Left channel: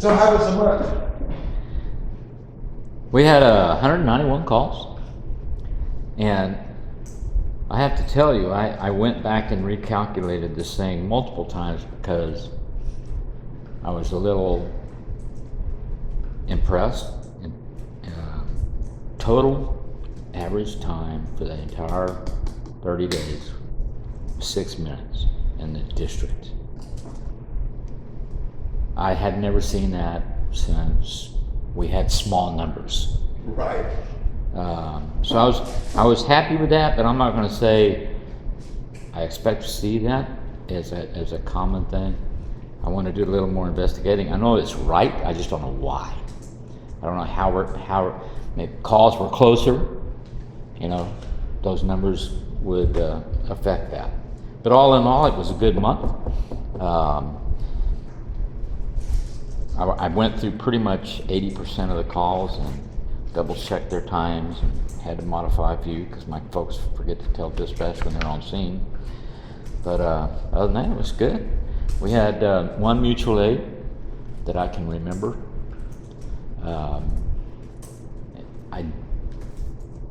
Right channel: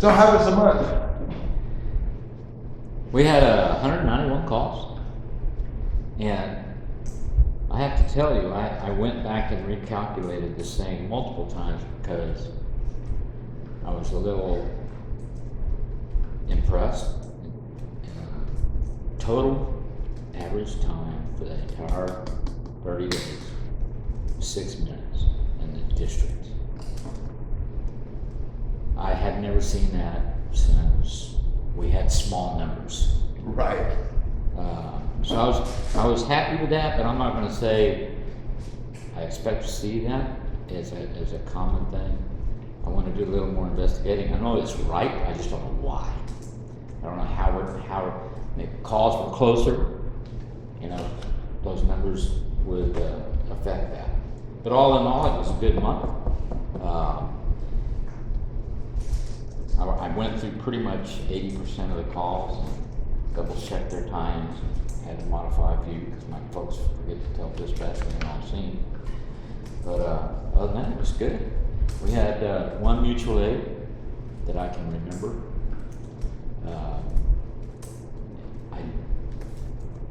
So how was the month? We had 191 calls, and I have to tell you, I went back and recalculated this thing multiple times because I was a little impressed. Total average time for the entire 30 days, 6 minutes in the district. I had never seen that since we had small numbers. Right. So I was happy with that, but I'm not going to say I expect to see that as a common thing. I want to do a little more investigating. I know it's right. I just don't know why. I don't know how maybe calls were closer. You know, those numbers would affect that. But all in all, it was a good month. I went through pretty much 80% of the calls and double checked their times and had to modify a few because my folks forget to tell dispatch when they're on scene. But other than that, it was good. We had one mutual aid that I can remember.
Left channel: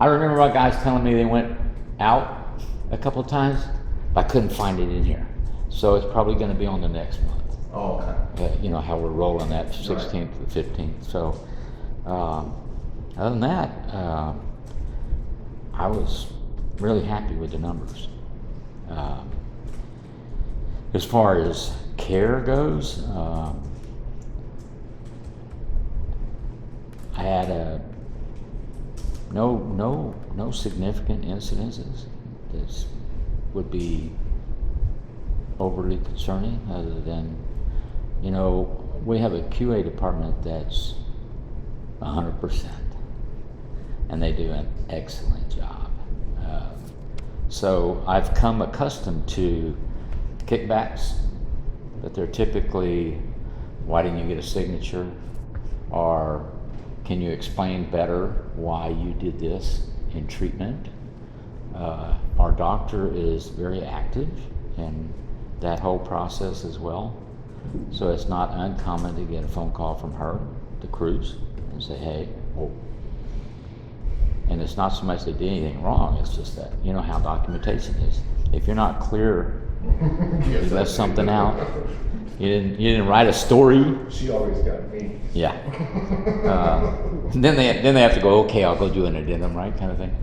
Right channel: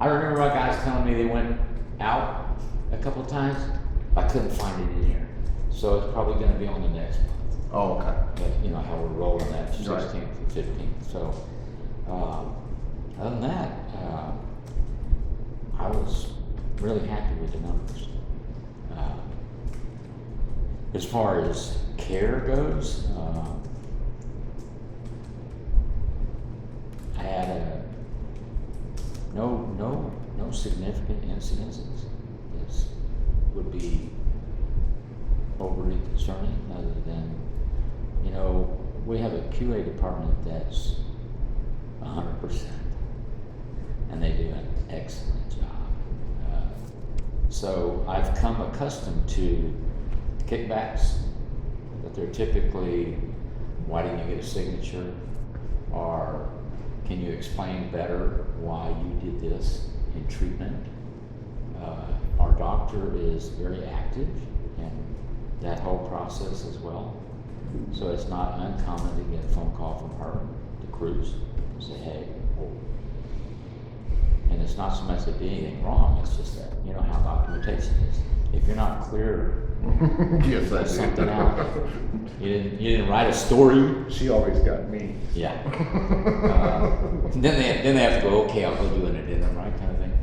I remember my guys telling me they went out a couple of times, but I couldn't find it in here. So it's probably going to be on the next month. Oh, okay. You know how we're rolling that 16th to 15th. So other than that, I was really happy with the numbers. As far as care goes, I had no significant incidences that would be overly concerning, other than, you know, we have a QA department that's 100%, and they do an excellent job. So I've come accustomed to kickbacks, but they're typically, why didn't you get a signature? Or can you explain better why you did this in treatment? Our doctor is very active in that whole process as well. So it's not uncommon to get a phone call from her, the crews, and say, hey, oh. And it's not so much they did anything wrong, it's just that, you know how documentation is. If you're not clear, you Yes, left something out. You didn't write a story. She always got me. Yeah. Then they have to go, okay, I'll go do an addendum, right, kind of thing,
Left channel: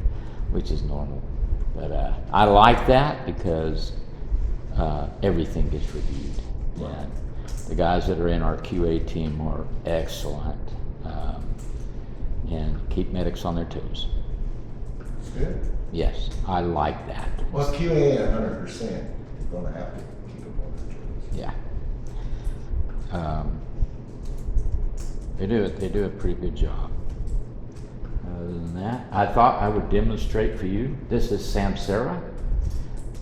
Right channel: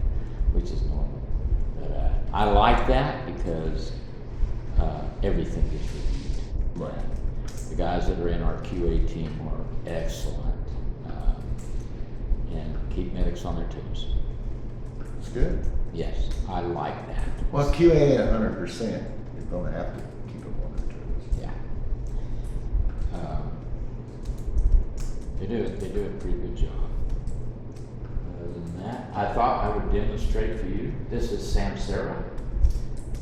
which is normal. But I like that because everything gets reviewed. Right. And the guys that are in our QA team are excellent, and keep medics on their toes. That's good. Yes, I like that. Well, QA at 100%, you're going to have to keep them on their toes. Yeah. They do a pretty good job. Other than that, I thought I would demonstrate for you. This is Samsara,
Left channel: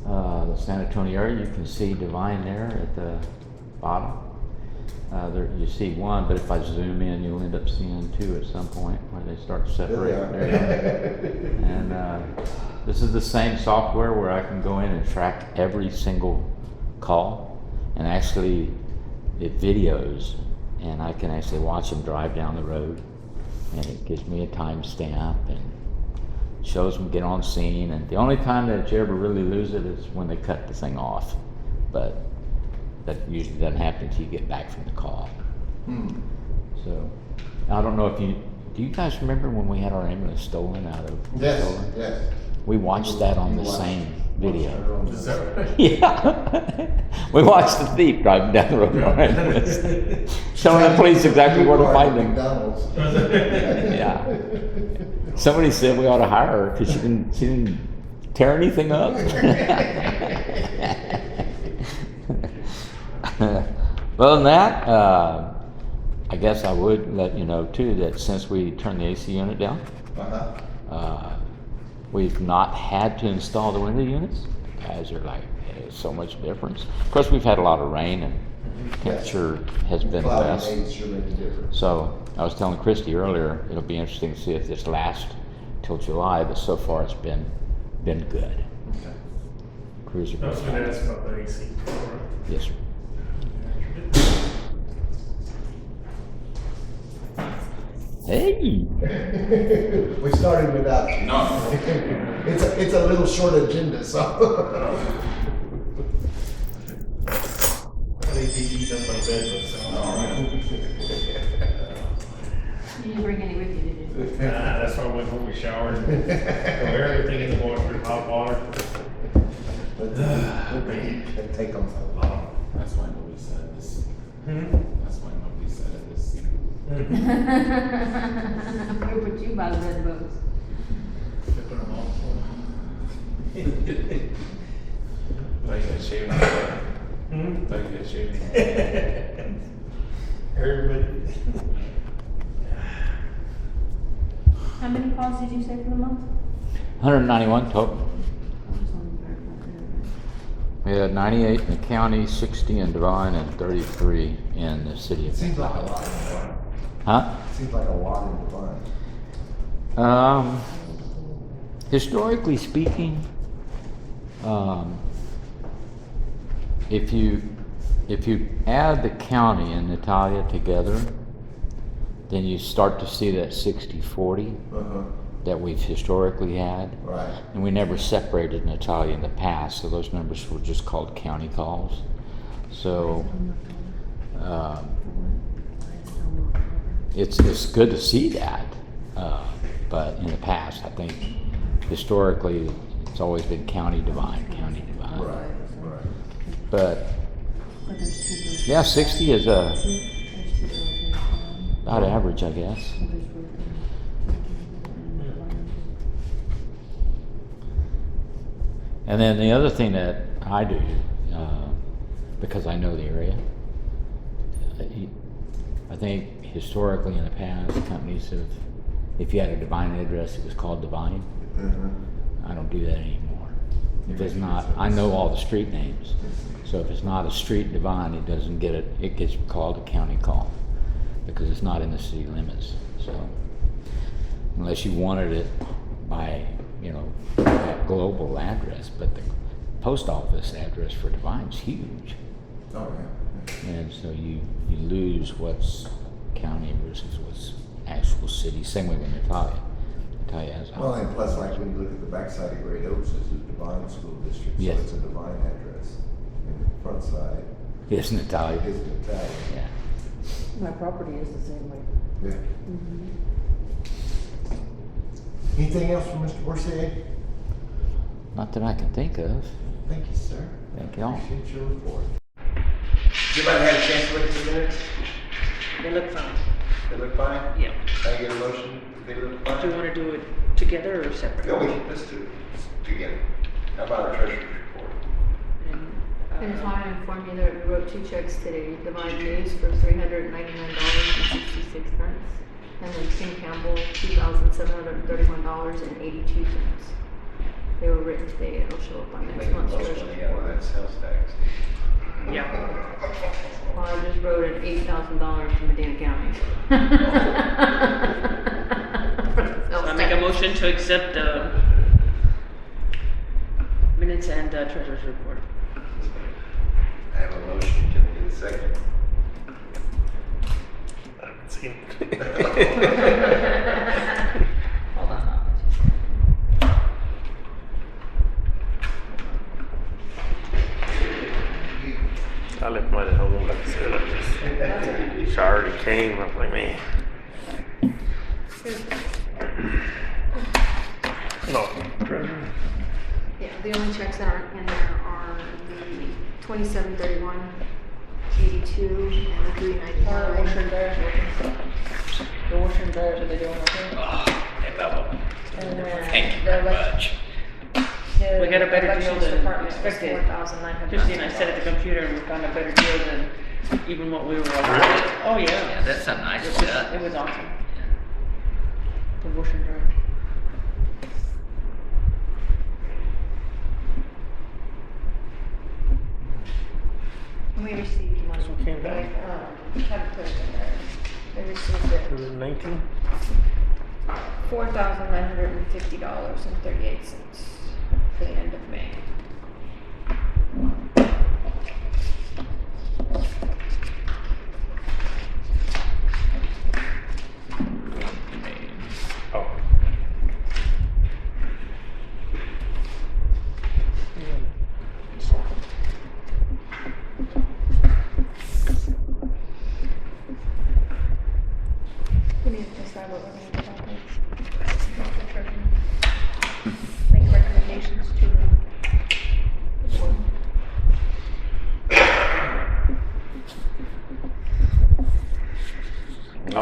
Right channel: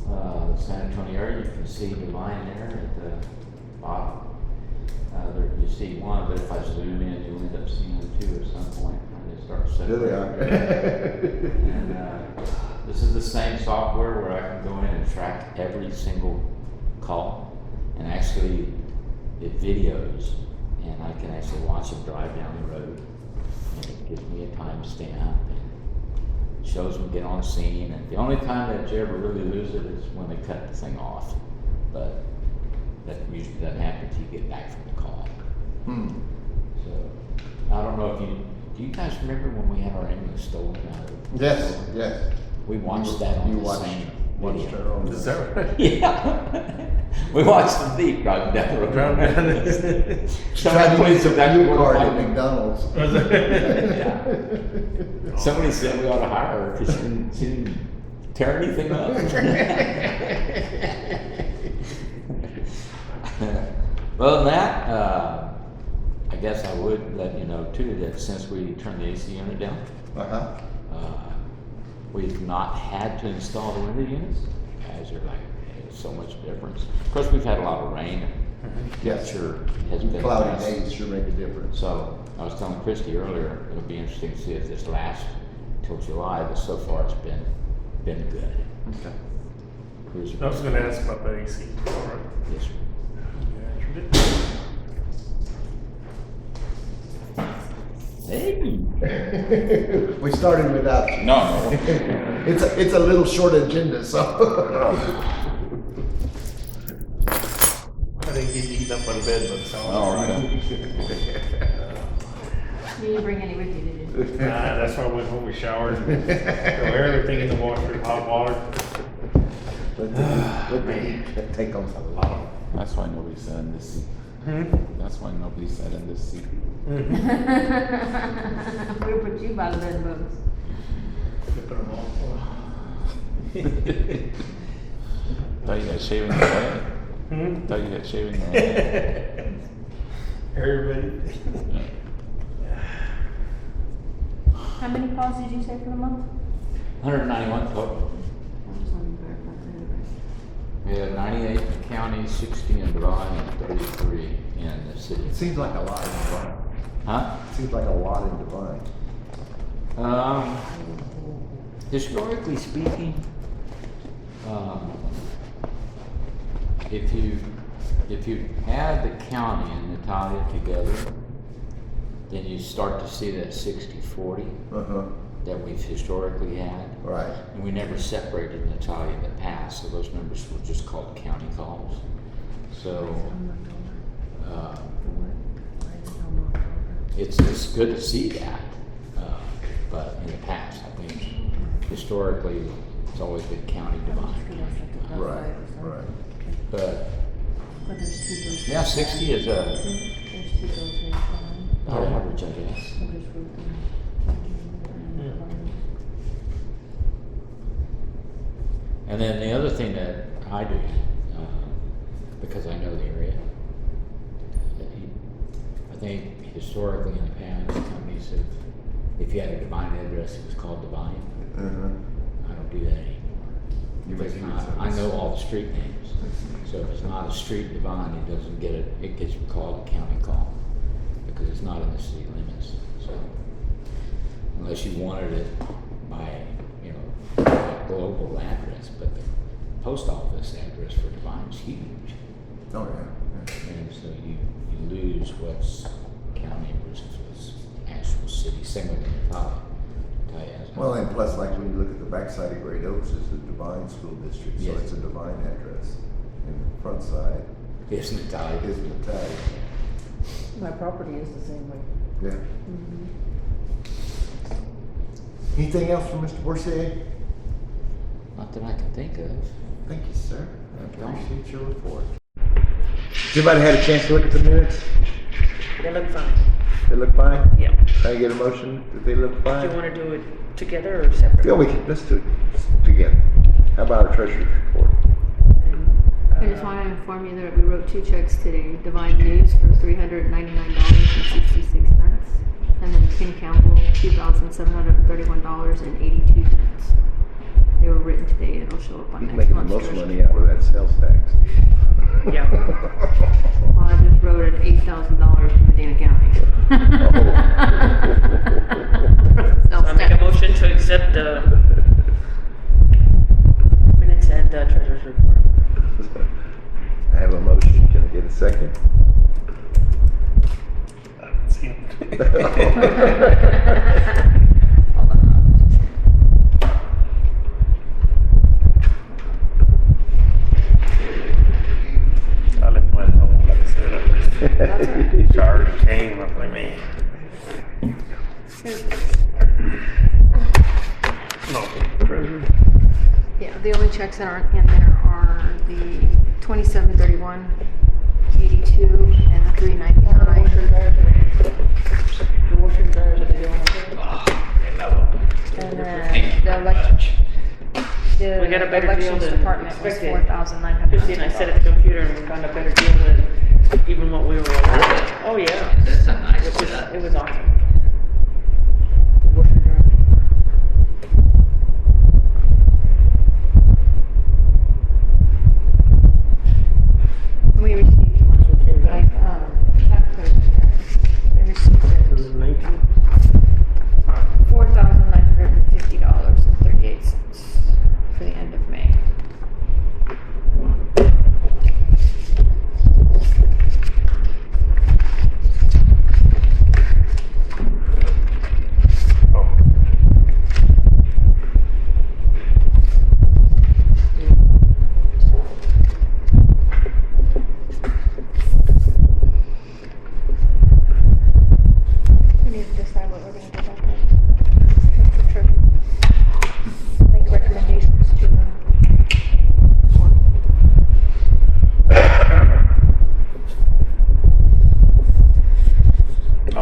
the San Antonio area. You can see Divine there at the bottom. There you see one, but if I zoom in, you'll end up seeing two at some point where they start separating. And this is the same software where I can go in and track every single call, and actually it videos, and I can actually watch them drive down the road, and it gives me a timestamp and shows them get on scene. And the only time that you ever really lose it is when they cut the thing off, but that usually doesn't happen until you get back from the call. So I don't know if do you guys remember when we had our ambulance stolen out of? Yes, yes. We watched that on the same video. Is that right? Yeah. We watched the thief driving down the road. Showing the police exactly where to find him. McDonald's. Yeah. Somebody said we ought to hire her because she didn't tear anything up. Other than that, I guess I would let you know too that since we turned the AC unit down, we've not had to install the window units. Guys are like, hey, so much difference. Of course, we've had a lot of rain and temperature has been Cloudy less. days sure make a difference. So I was telling Christy earlier, it'll be interesting to see if this lasts till July, but so far it's been good. Okay. Crews are I was going to ask about the AC. Right? Yes, sir. Hey. We started without you. No. It's a little short agenda, so. I think DD's up on bed, but so. All right. You didn't bring any with you, did you? That's why I went home and showered. Go everything in the water, hot water. Let me take them. That's why nobody sat in this seat. That's why nobody sat in this seat. We put you by the bed bugs. Thought you got shaving your head. Thought you got shaving your head. Everybody. How many calls did you say for the month? 191 total. I just wanted to verify that. We had 98 in the county, 60 in Divine, and 33 in the city. It seems like a lot in Divine. Huh? It seems like a lot in Divine. Historically speaking, if you add the county and Natalia together, then you start to see that 60-40 that we've historically had. Right. And we never separated Natalia in the past, so those numbers were just called county calls. So it's good to see that, but in the past, I think historically it's always been county Divine. Right. But But there's two bills. yeah, 60 is There's two bills here. about average, I guess. There's Ruth and Divine. And then the other thing that I do, because I know the area, I think historically in the past, companies have, if you had a Divine address, it was called Divine. I don't do that anymore. If it's not, I know all the street names. So if it's not a street Divine, it doesn't get it, it gets called a county call because it's not in the city limits. So unless you wanted it by, a global address, but the post office address for Divine's huge. Oh, yeah. And so you lose what's county versus what's actual city. Same way with Natalia. Natalia has. Well, and plus, like when you look at the backside of Great Oaks, it's a Divine School District, so Yes. it's a Divine address. And the front side Yes, Natalia. is Natalia. Yeah. My property is the same way. Yeah. Anything else from Mr. Borsier? Not that I can think of. Thank you, sir. Thank y'all. Appreciate your report. Everybody had a chance to look at the minutes? They look fine. They look fine? Yeah. Can I get a motion that they look Do fine? you want to do it together or separate? Yeah, let's do it together. How about our treasurer's report? I just want to inform you that we wrote 2 checks today. Divine News for $399.66, and then King Campbell $2,731.82. They were written today. It'll show up on He's next making the month's most treasurer's money out of that sales tax. Yeah. Well, I just wrote an $8,000 in Medina County. I make a motion to accept the minutes and treasurer's report. I have a motion. Can I get a second? I haven't seen it. I left mine at home, like I said. I just showered and came. I was like, man. No, treasure. Yeah, the only checks that aren't in there are the 2731.82 and the 399. The washer and dryers, are they doing okay? Hey, Mello. And then Thank you the very elec- much. the We got a better deal elections than department was expected. $4,900. Christie and I sat at the computer and we found a better deal than even what we were offered. Oh, yeah. That's a nice It set. was awesome. The washer and dryer. We received one. This one came down. I received It it. was 19. $4,950.38 for the end of May.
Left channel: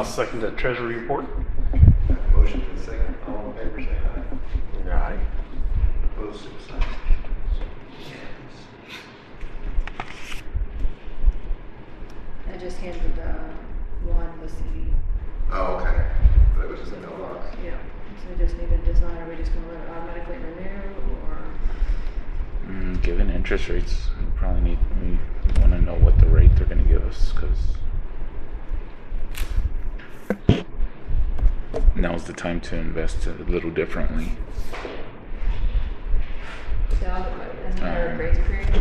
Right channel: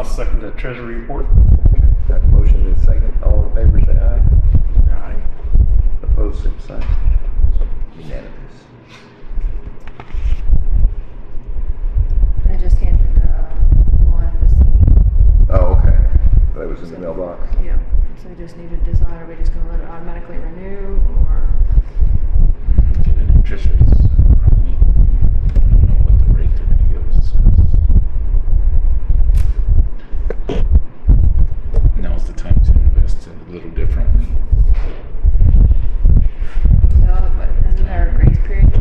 I'll second the treasury report. Have a motion and a second. All in favor, say aye. Aye. Opposed, same sign. Unanimous. I just handed the one to Stevie. Oh, okay. That was in the mailbox. Yeah. So I just need a desire. We just gonna let it automatically renew or? Given interest rates, probably we wanna know what the rate they're gonna give us, 'cause now's the time to invest a little differently. Is there a grace period?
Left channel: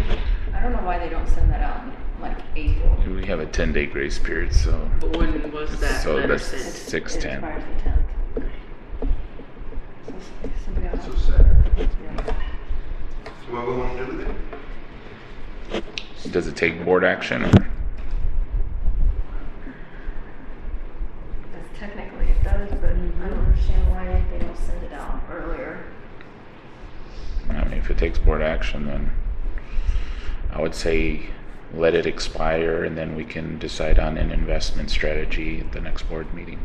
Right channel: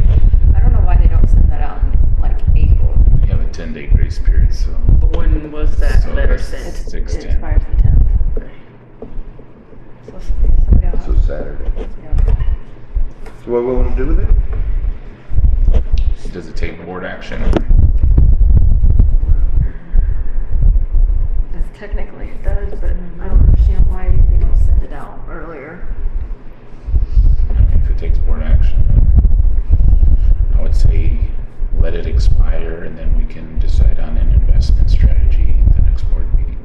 I don't know why they don't send that out in like April. We have a 10-day grace period, so. When was that So letter that's sent? 6/10. It expires the 10th. Yeah. So Saturday. So what we want to do with it? Does it take board action or? Because technically it does, but I don't understand why they don't send it out earlier. I mean, if it takes board action, then I would say let it expire and then we can decide on an investment strategy at the next board meeting.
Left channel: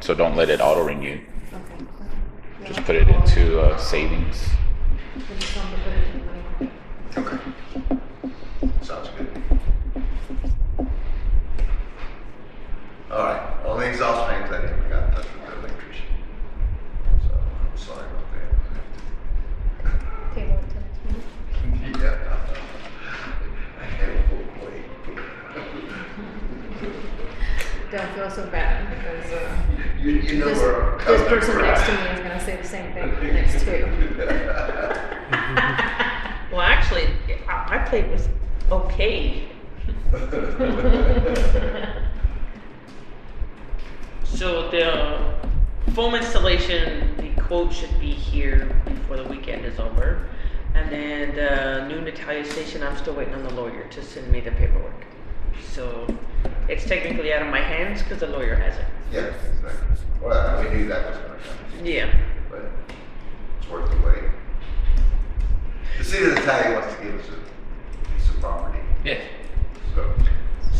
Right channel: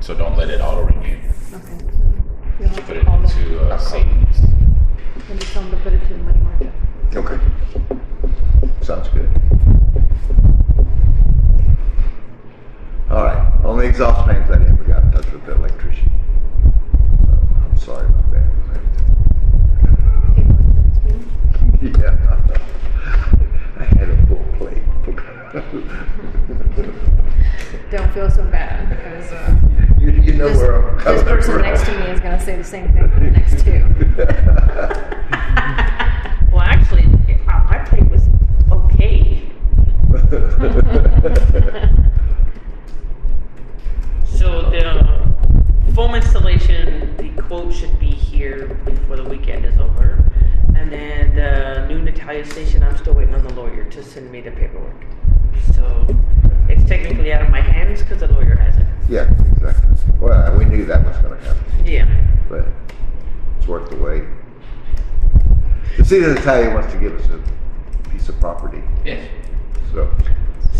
So don't let it auto renew. Okay. Just put it into savings. And just tell them to put it in the money market. Okay. Sounds good. All right, on the exhaust fans, I think we got in touch with the electrician. So, I'm sorry about that. Table it to the Yeah. I had a full plate. Don't feel so bad because You know this, where I'm this coming person from. next to me is gonna say the same thing for the next two. Well, actually, my plate was okay. So the foam installation, the quote should be here before the weekend is over. And then the new Natalia station, I'm still waiting on the lawyer to send me the paperwork. So it's technically out of my hands because the lawyer has it. Yeah, exactly. Well, we knew that was gonna happen, Yeah. but it's worth the wait. The city of Natalia wants to give us a piece of property, Yeah. so,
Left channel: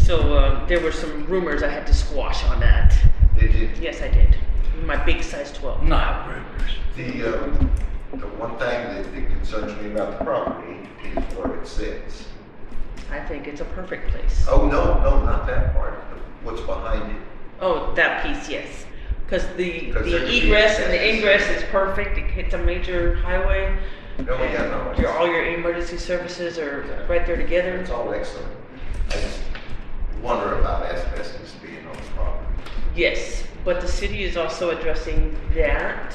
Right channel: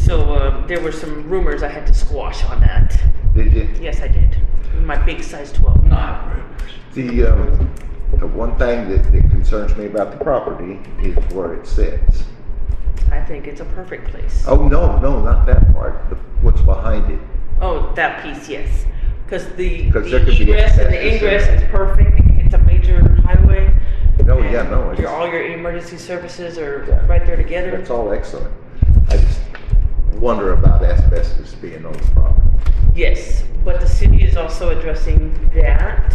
So there were some rumors I had to squash on that. did you? Yes, I did. My big size 12. Not rumors. The one thing that concerns me about the property is where it sits. I think it's a perfect place. Oh, no, not that part, what's behind it. Oh, that piece, yes. Because the 'Cause there could be egress and the access. ingress is perfect. It's a major highway. No, and yeah, no, all your emergency services are right there together. it's all excellent. I just wonder about asbestos being on the property. Yes, but the city is also addressing that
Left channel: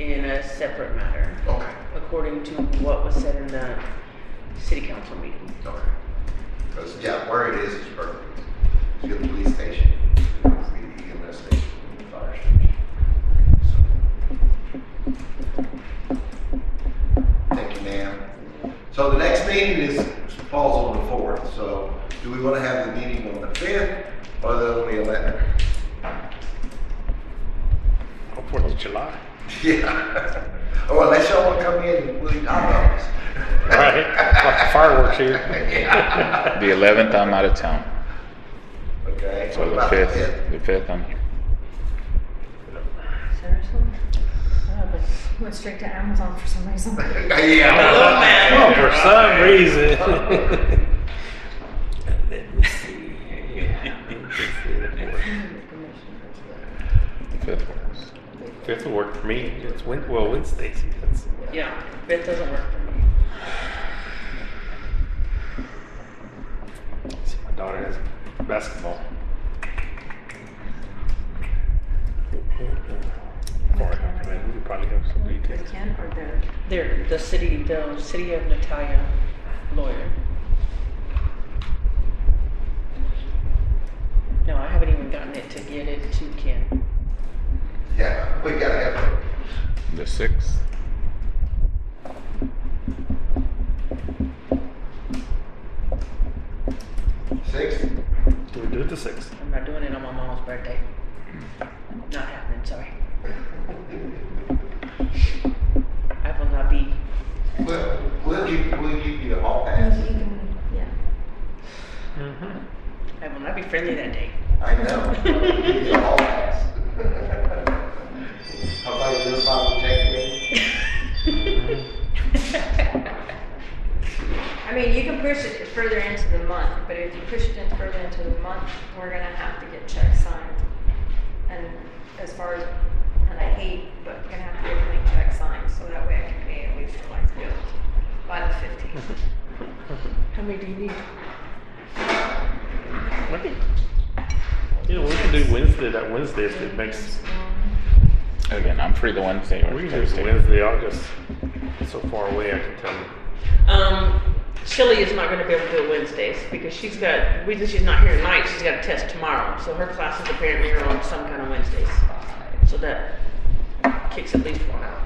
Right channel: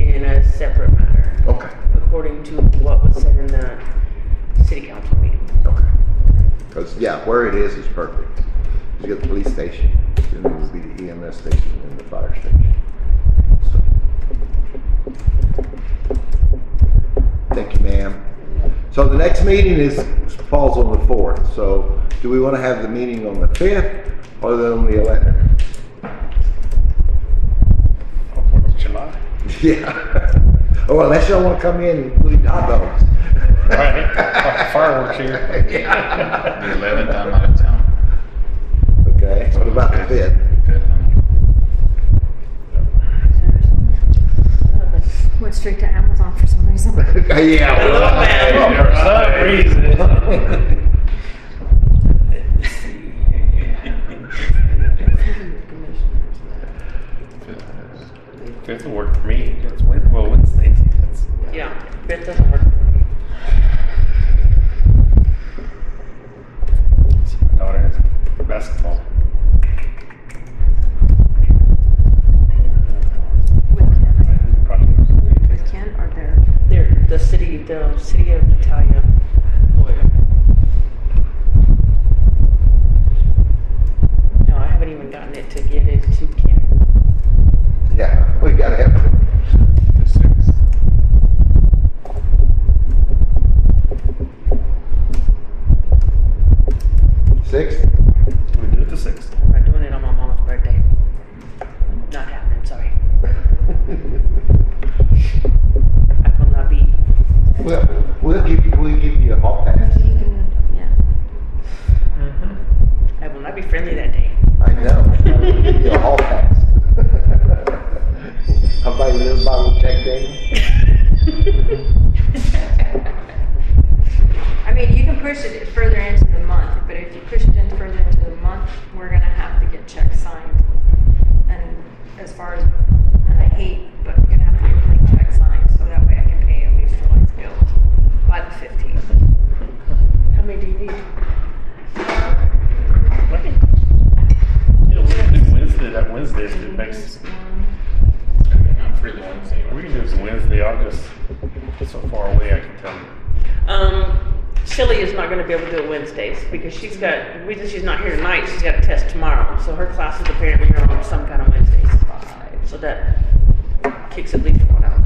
in a separate matter, Okay, according to what was said in the city council meeting. okay. Because, yeah, where it is perfect. You get the police station, then there will be the EMS station and the fire station. So. Thank you, ma'am. So the next meeting falls on the 4th, so do we want to have the meeting on the 5th or on the 11th? Oh, 4th of July. Yeah. Oh, unless y'all want to come in and bleed hot dogs. Right. Like the fireworks here. Yeah. The 11th, I'm out of town. Okay, So what about the 5th? The 5th, I'm here. Seriously? Went straight to Amazon for some reason. Yeah. Oh, for some reason. Fifth will work for me. It's Wednesdays. Yeah, that doesn't work for me. See, my daughter has basketball. We probably have some lead takes. Ken or there? They're the city of Natalia lawyer. No, I haven't even gotten it to get it to Ken. Yeah, we gotta have The 6th. Six. We do it the 6th. I'm not doing it on my mom's birthday. Not happening, sorry. I will not be. We'll give you a hall pass. Yeah. I will not be friendly that day. I know. that Wednesday if it makes. Again, I'm free the Wednesday or We can do it Thursday. Wednesday. I'll just. It's so far away. I can tell you. Shelley is not gonna be able to do it Wednesdays because the reason she's not here tonight, she's got a test tomorrow. So her classes apparently are on some kind of Wednesdays. So that kicks at least one out.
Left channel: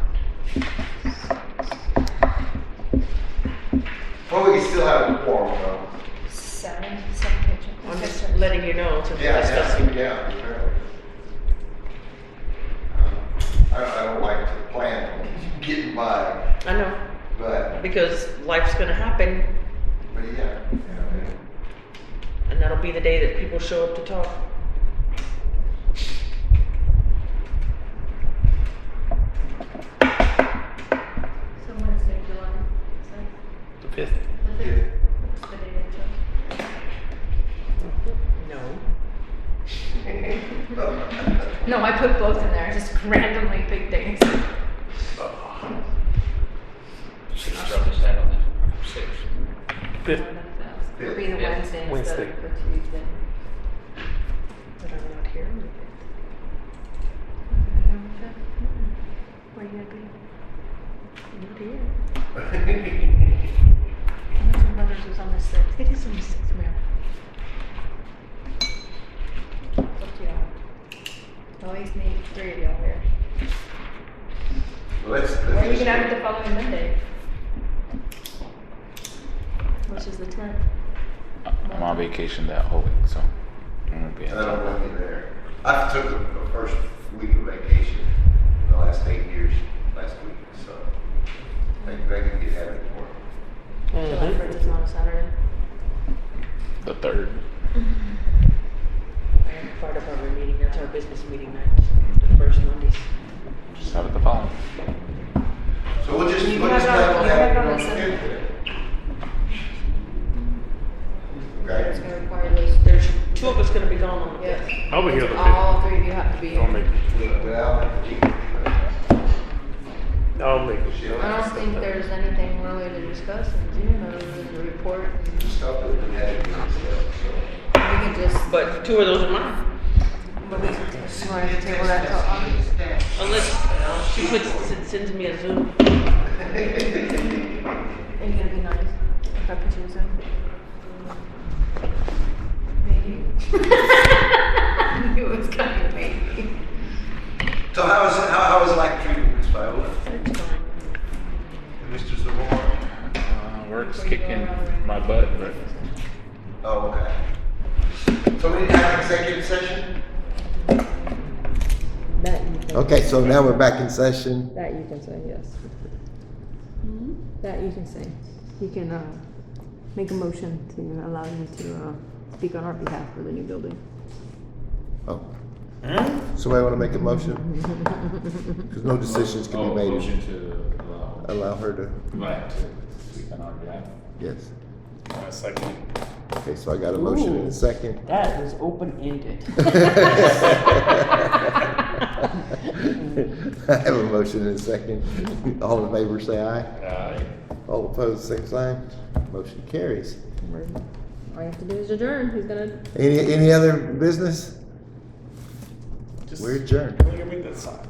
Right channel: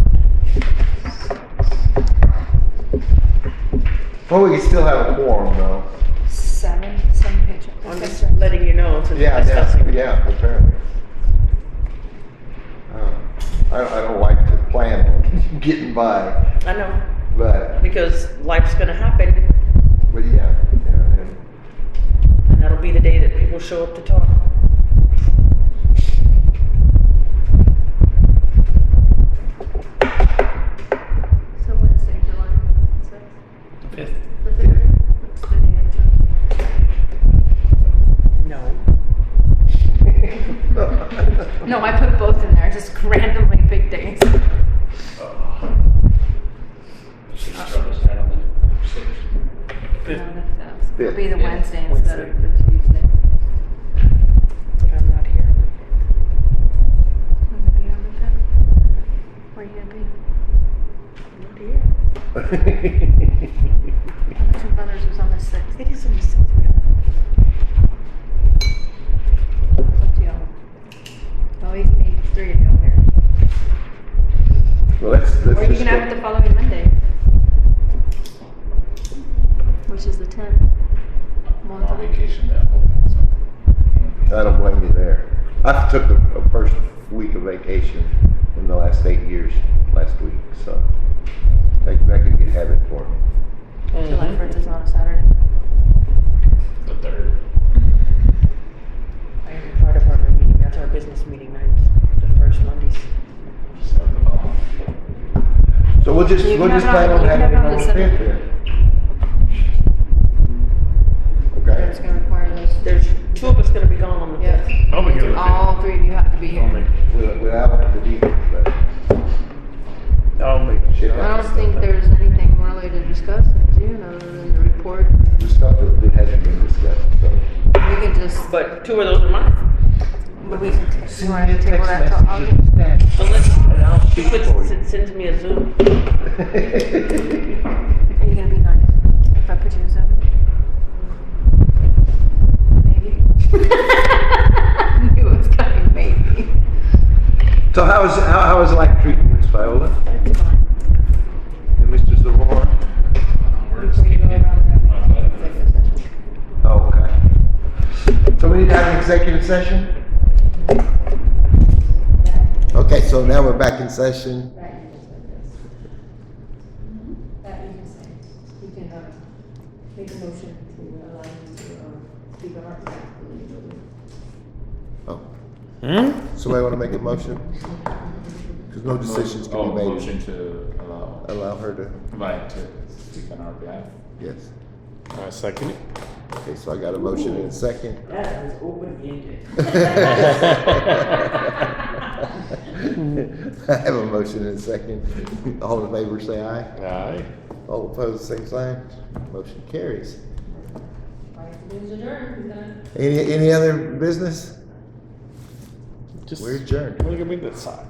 Well, we can still have a quorum though. Seven picture. I'm just letting you know since Yeah, my stuff's yeah, apparently. I don't like to plan getting by, I know, but because life's gonna happen, yeah. and that'll be the day that people show up to talk. So Wednesday, July 6th? The 5th. The 5th? What's the date of No. No, I put both in there, just randomly big dates. Six troubles out on that. Six. 5th. It'll be the Yeah. Wednesday instead Wednesday. of the Tuesday. But I'm not here. Where are you gonna be? Not here. Some brothers was on the 6th. It is on the 6th. Always need 3 of you over here. Well, let's Or you just can have it the following Monday. Which is the 10th. I'm on vacation that whole week, so. I won't be I don't blame you there. I took a first week of vacation in the last 8 years last week, so I can get habit for it. July 1st is not a Saturday. The 3rd. Fire department meeting, that's our business meeting nights, the first Mondays. Just have it the following. So we'll just You plan have it on- on you have having it it on on the the 5th then. Okay. It's gonna require those. There's 2 of us gonna be gone on the 5th. Yeah. I'll be here the 5th. All 3 of you have to be I'll here. make. Without the deep, but I'll make. Shit. I don't think there's anything really to discuss, do you? Not really the report. the stuff that we hadn't been discussed, so. We can just. But 2 of those are mine. You want to table that till August? Unless she sends me a Zoom. Are you gonna be nice if I put you in Zoom? Maybe. You was kind of maybe. So how is life treating Miss Viola It's fine. and Mr. Zamora? Work's kicking my butt, but Oh, okay. So we need to have an executive session? Okay, so now we're back in session. That you can say, yes. That you can say. You can, make a motion to allow you to, speak on our behalf for the new building. Oh. Somebody want to make a motion? Because no decisions can be made. Motion to Allow her to, invite to speak on our behalf. yes. Second. Okay, so I got a motion and a second. That was open-ended. I have a motion and a second. All in favor say aye. Aye. All opposed, same sign. Motion carries. All you have to do is adjourn, who's gonna? Any other business? Just We're adjourned. look at me this side.